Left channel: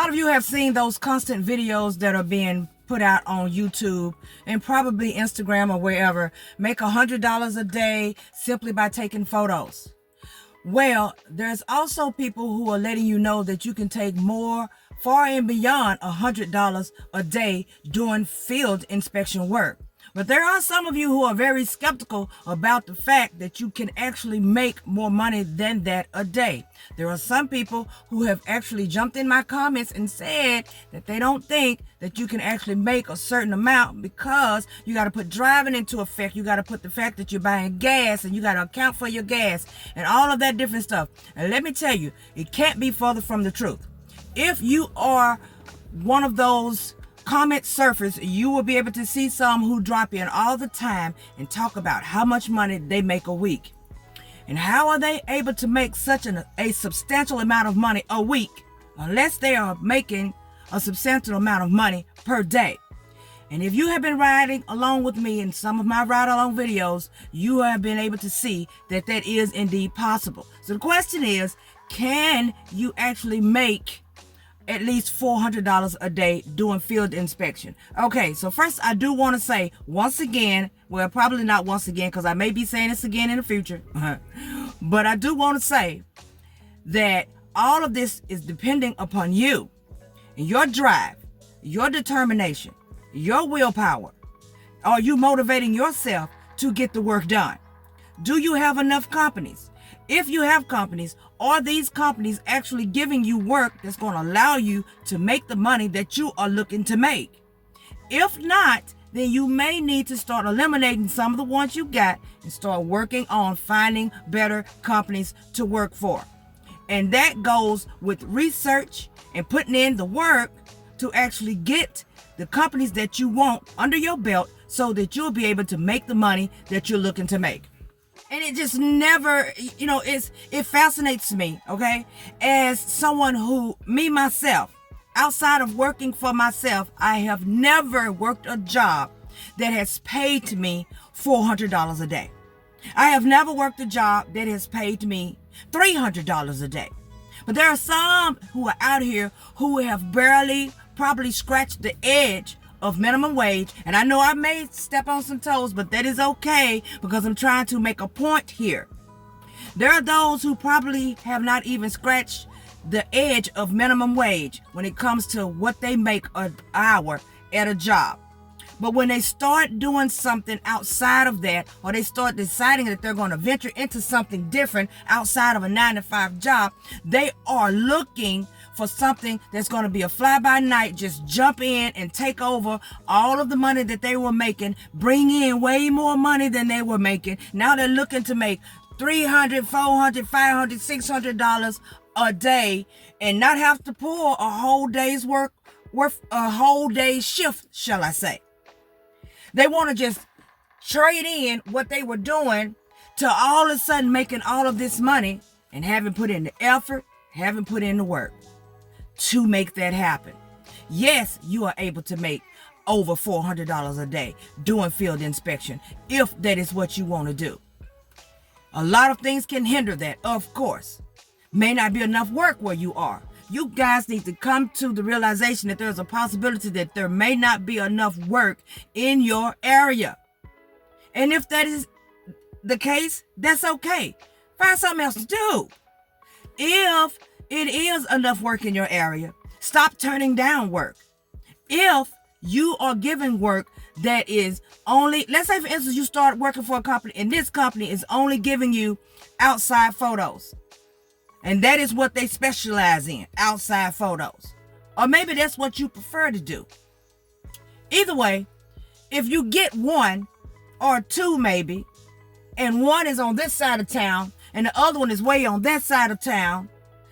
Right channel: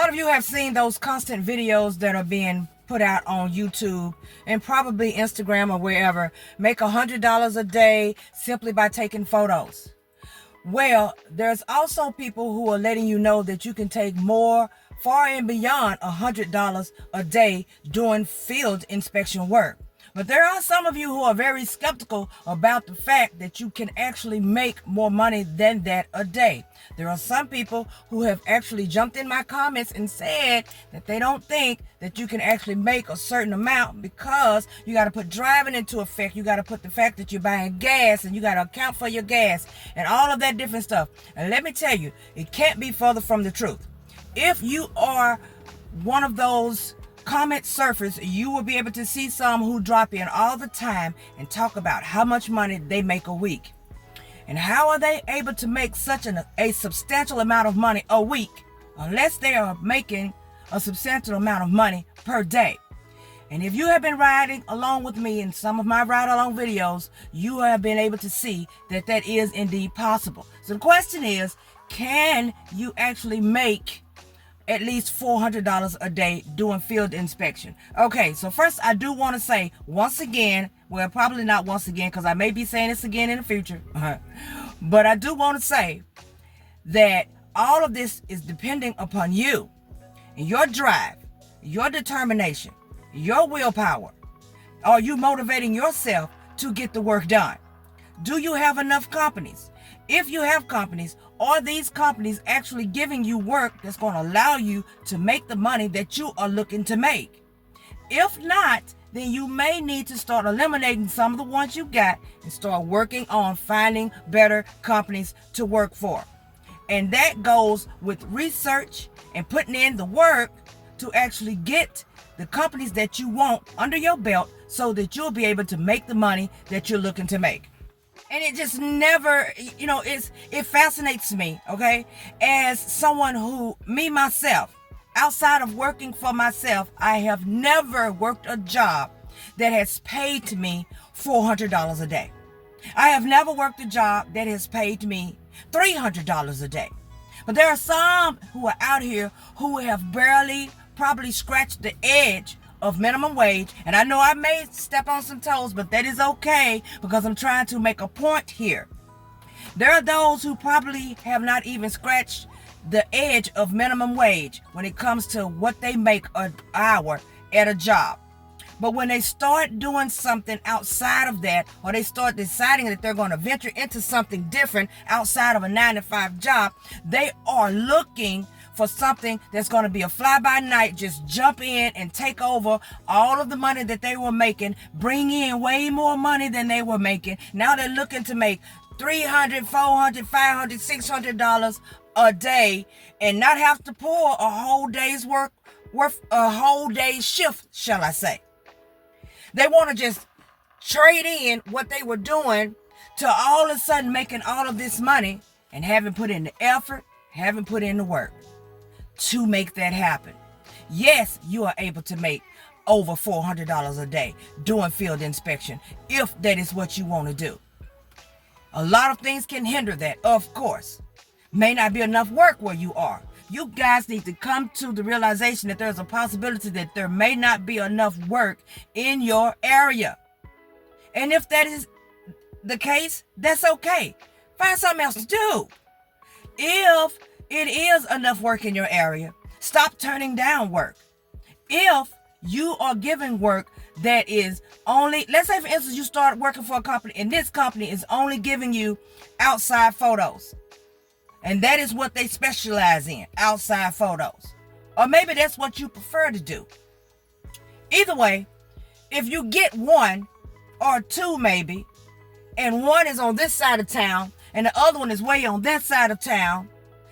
lot of you have seen those constant videos that are being put out on YouTube and probably Instagram or wherever. Make $100 a day simply by taking photos. Well, there's also people who are letting you know that you can take more, far and beyond $100 a day doing field inspection work. But there are some of you who are very skeptical about the fact that you can actually make more money than that a day. There are some people who have actually jumped in my comments and said that they don't think that you can actually make a certain amount because you got to put driving into effect. You got to put the fact that you're buying gas and you got to account for your gas and all of that different stuff. And let me tell you, it can't be further from the truth. If you are one of those comment surfers, you will be able to see some who drop in all the time and talk about how much money they make a week. And how are they able to make such a substantial amount of money a week unless they are making a substantial amount of money per day? And if you have been riding along with me in some of my ride along videos, you have been able to see that that is indeed possible. So the question is, can you actually make at least $400 a day doing field inspection? Okay, so first I do want to say once again, well, probably not once again because I may be saying this again in the future, but I do want to say that all of this is depending upon you and your drive, your determination, your willpower. Are you motivating yourself to get the work done? Do you have enough companies? If you have companies, are these companies actually giving you work that's going to allow you to make the money that you are looking to make? If not, then you may need to start eliminating some of the ones you got and start working on finding better companies to work for. And that goes with research and putting in the work to actually get the companies that you want under your belt so that you'll be able to make the money that you're looking to make. And it just never, it fascinates me, okay? As someone who, myself, outside of working for myself, I have never worked a job that has paid me $400 a day. I have never worked a job that has paid me $300 a day. But there are some who are out here who have barely probably scratched the edge of minimum wage. And I know I may step on some toes, but that is okay because I'm trying to make a point here. There are those who probably have not even scratched the edge of minimum wage when it comes to what they make an hour at a job. But when they start doing something outside of that, or they start deciding that they're going to venture into something different outside of a 9-to-5 job, they are looking for something that's going to be a fly-by-night, just jump in and take over all of the money that they were making, bring in way more money than they were making. Now they're looking to make $300, $400, $500, $600 a day and not have to pull a whole day's worth a whole day's shift, shall I say. They want to just trade in what they were doing to all of a sudden making all of this money and haven't put in the effort, haven't put in the work to make that happen. Yes, you are able to make over $400 a day doing field inspection if that is what you want to do. A lot of things can hinder that, of course. May not be enough work where you are. You guys need to come to the realization that there's a possibility that there may not be enough work in your area. And if that is the case, that's okay. Find something else to do. If it is enough work in your area, stop turning down work. If you are given work that is only, let's say for instance, you start working for a company and this company is only giving you outside photos. And that is what they specialize in, outside photos. Or maybe that's what you prefer to do. Either way, if you get one or two maybe, and one is on this side of town and the other one is way on that side of town,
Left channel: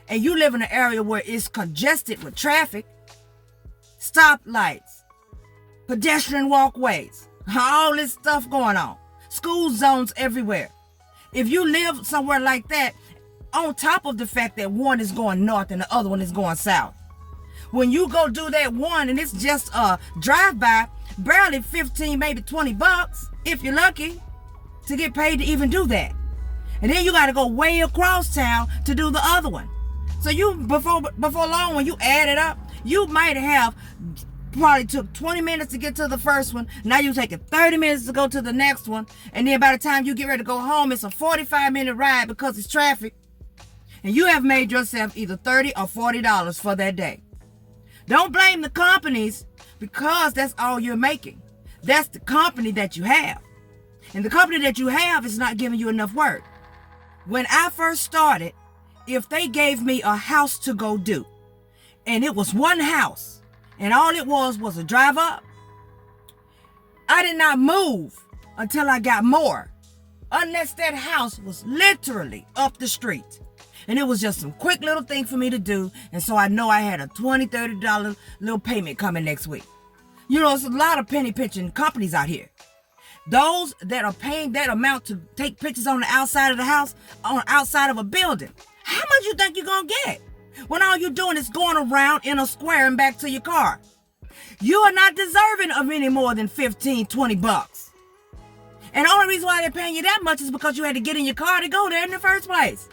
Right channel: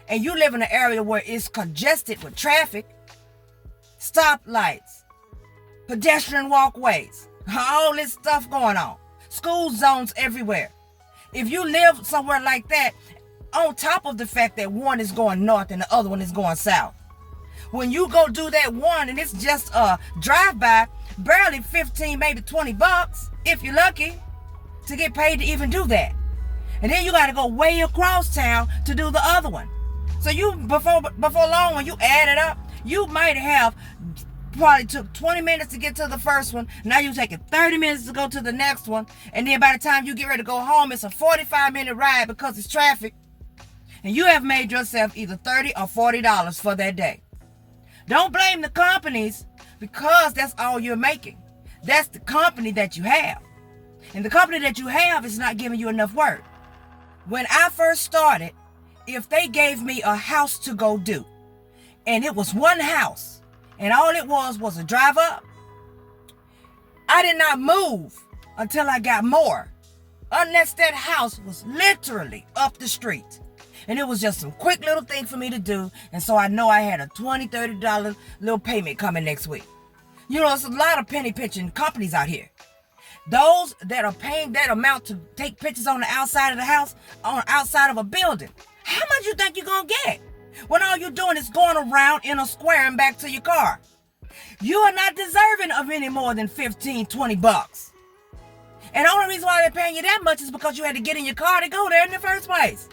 and you live in an area where it's congested with traffic, stoplights, pedestrian walkways, all this stuff going on, school zones everywhere. If you live somewhere like that, on top of the fact that one is going north and the other one is going south, when you go do that one and it's just a drive-by, barely 15, maybe 20 bucks, if you're lucky, to get paid to even do that. And then you got to go way across town to do the other one. So you, before long, when you add it up, You might have probably took 20 minutes to get to the first one. Now you're taking 30 minutes to go to the next one. And then by the time you get ready to go home, it's a 45-minute ride because it's traffic. And you have made yourself either $30 or $40 for that day. Don't blame the companies because that's all you're making. That's the company that you have. And the company that you have is not giving you enough work. When I first started, if they gave me a house to go do, and it was one house, and all it was a drive up, I did not move until I got more. Unless that house was literally up the street. And it was just some quick little thing for me to do. And so I know I had a $20, $30 little payment coming next week. You know, it's a lot of penny pinching companies out here. Those that are paying that amount to take pictures on the outside of the house, on the outside of a building. How much you think you're going to get? When all you're doing is going around in a square and back to your car. You are not deserving of any more than $15, $20. And the only reason why they're paying you that much is because you had to get in your car to go there in the first place.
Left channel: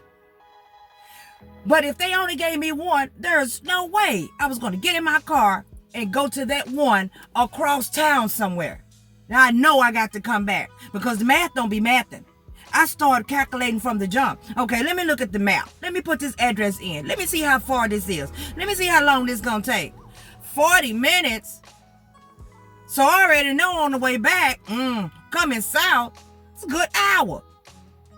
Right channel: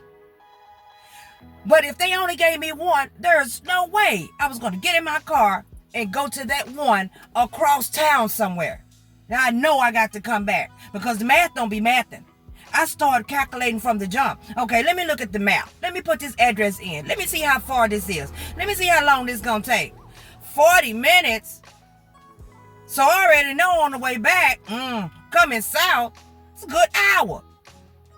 But if they only gave me one, there's no way I was going to get in my car and go to that one across town somewhere. Now I know I got to come back because the math don't be mathing. I started calculating from the jump. Okay, let me look at the map. Let me put this address in. Let me see how far this is. Let me see how long this is going to take. 40 minutes. So I already know on the way back, coming south, it's a good hour.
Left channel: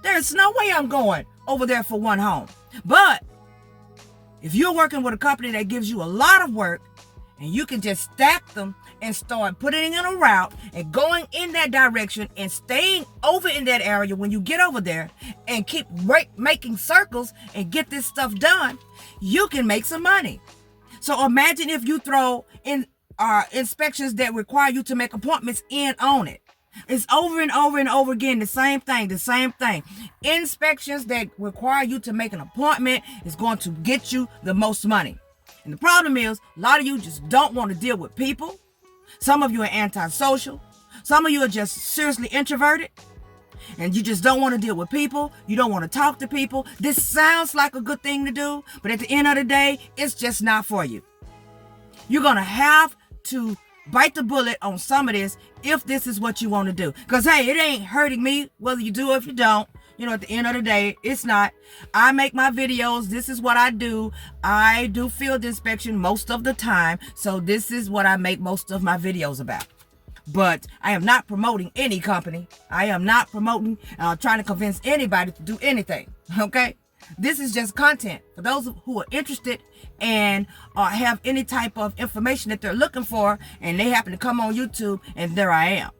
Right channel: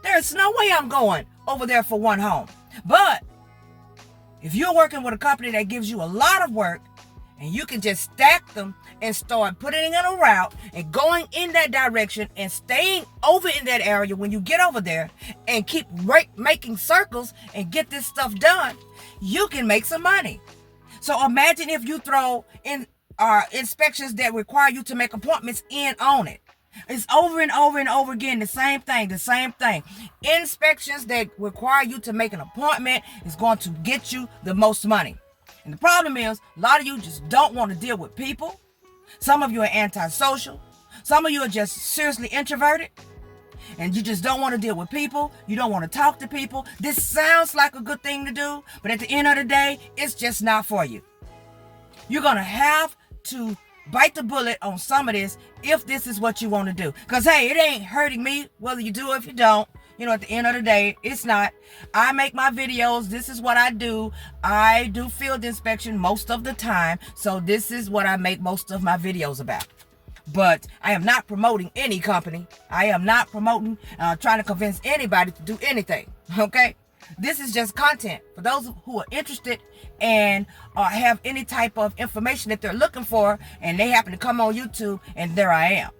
There's no way I'm going over there for one home. But if you're working with a company that gives you a lot of work and you can just stack them and start putting it in a route and going in that direction and staying over in that area when you get over there and keep making circles and get this stuff done, you can make some money. So imagine if you throw in inspections that require you to make appointments in on it. It's over and over and over again, the same thing. Inspections that require you to make an appointment is going to get you the most money. And the problem is, a lot of you just don't want to deal with people. Some of you are antisocial. Some of you are just seriously introverted. And you just don't want to deal with people. You don't want to talk to people. This sounds like a good thing to do, but at the end of the day, it's just not for you. You're going to have to bite the bullet on some of this if this is what you want to do. Because, hey, it ain't hurting me whether you do or if you don't. You know, at the end of the day, it's not. I make my videos. This is what I do. I do field inspection most of the time. So this is what I make most of my videos about. But I am not promoting any company. I am not promoting, trying to convince anybody to do anything. Okay? This is just content for those who are interested and have any type of information that they're looking for, and they happen to come on YouTube, and there I am.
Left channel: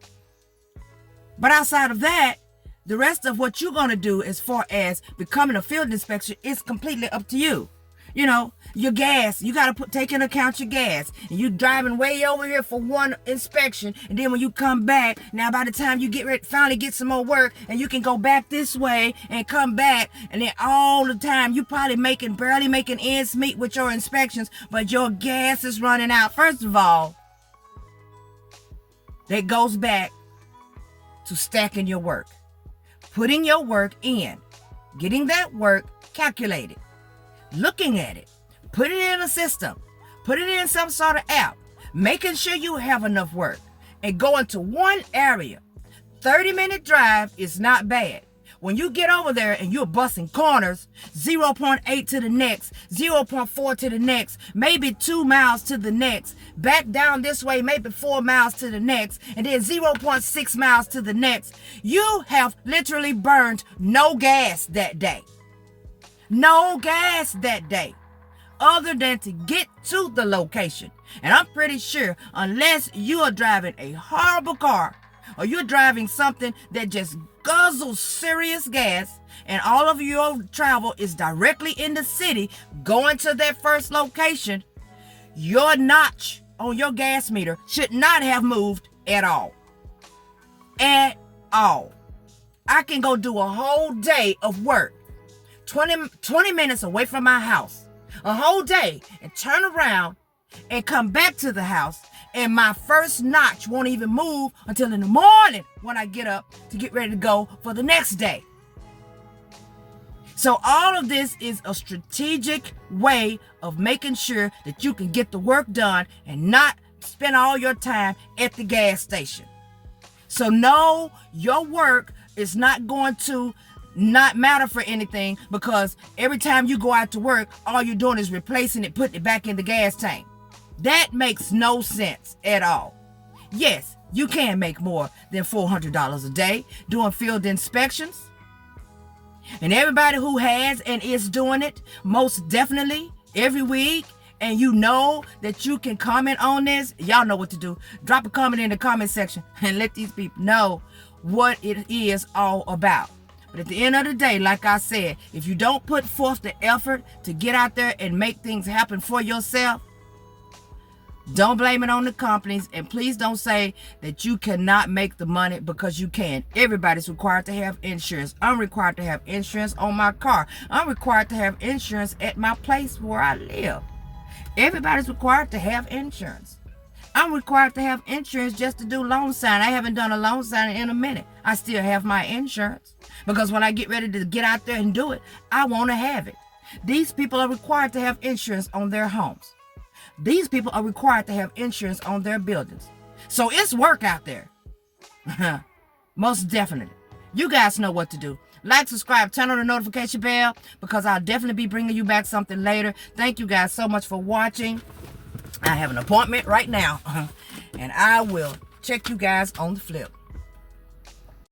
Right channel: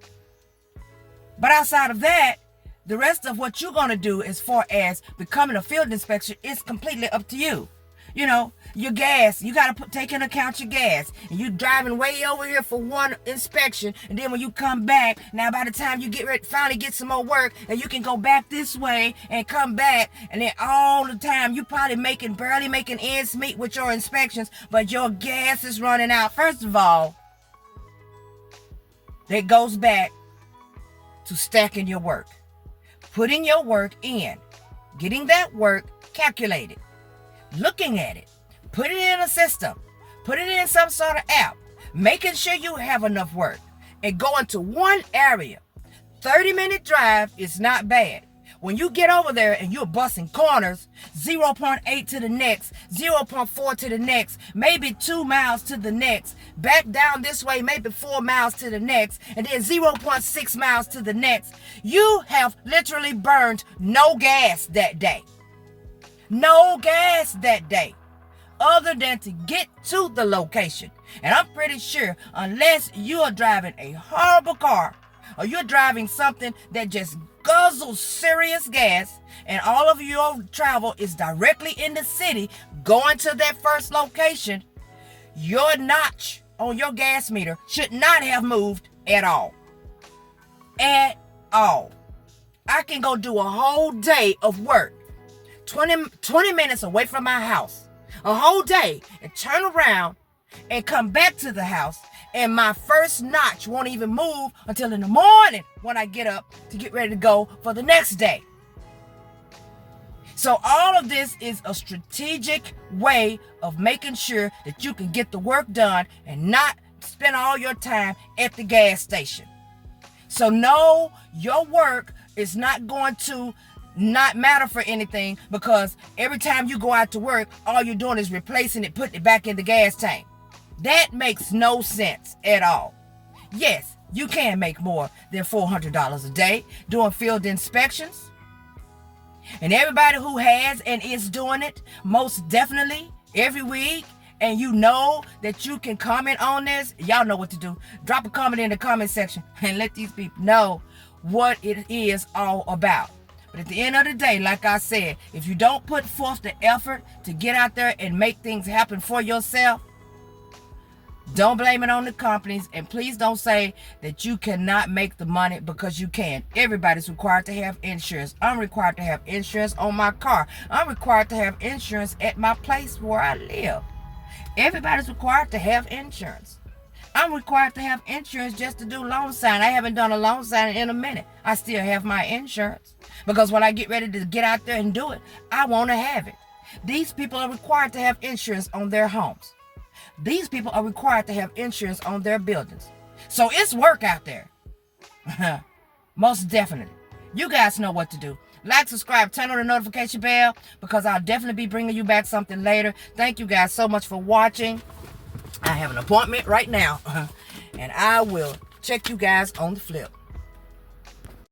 But outside of that, the rest of what you're going to do as far as becoming a field inspector is completely up to you. You know, your gas, you got to take into account your gas. And you're driving way over here for one inspection. And then when you come back, now by the time you get ready, finally get some more work, and you can go back this way and come back. And then all the time, you probably barely making ends meet with your inspections, but your gas is running out. First of all, that goes back to stacking your work. Putting your work in. Getting that work calculated. Looking at it, put it in a system, put it in some sort of app, making sure you have enough work, and going to one area. 30-minute drive is not bad. When you get over there and you're busting corners, 0.8 to the next, 0.4 to the next, maybe 2 miles to the next, back down this way, maybe 4 miles to the next, and then 0.6 miles to the next, you have literally burned no gas that day. No gas that day, other than to get to the location. And I'm pretty sure, unless you are driving a horrible car, or you're driving something that just guzzles serious gas, and all of your travel is directly in the city, going to that first location, your notch on your gas meter should not have moved at all. At all. I can go do a whole day of work, 20 minutes away from my house, a whole day, and turn around and come back to the house, and my first notch won't even move until in the morning when I get up to get ready to go for the next day. So all of this is a strategic way of making sure that you can get the work done and not spend all your time at the gas station. So no, your work is not going to not matter for anything, because every time you go out to work, all you're doing is replacing it, putting it back in the gas tank. That makes no sense at all. Yes, you can make more than $400 a day doing field inspections. And everybody who has and is doing it, most definitely every week, and you know that you can comment on this, y'all know what to do. Drop a comment in the comment section and let these people know what it is all about. But at the end of the day, like I said, if you don't put forth the effort to get out there and make things happen for yourself, don't blame it on the companies, and please don't say that you cannot make the money, because you can. Everybody's required to have insurance. I'm required to have insurance on my car. I'm required to have insurance at my place where I live. Everybody's required to have insurance. I'm required to have insurance just to do loan signing. I haven't done a loan signing in a minute. I still have my insurance, because when I get ready to get out there and do it, I want to have it. These people are required to have insurance on their homes. These people are required to have insurance on their buildings. So it's work out there. Most definitely. You guys know what to do. Like, subscribe, turn on the notification bell, because I'll definitely be bringing you back something later. Thank you guys so much for watching. I have an appointment right now, and I will check you guys on the flip.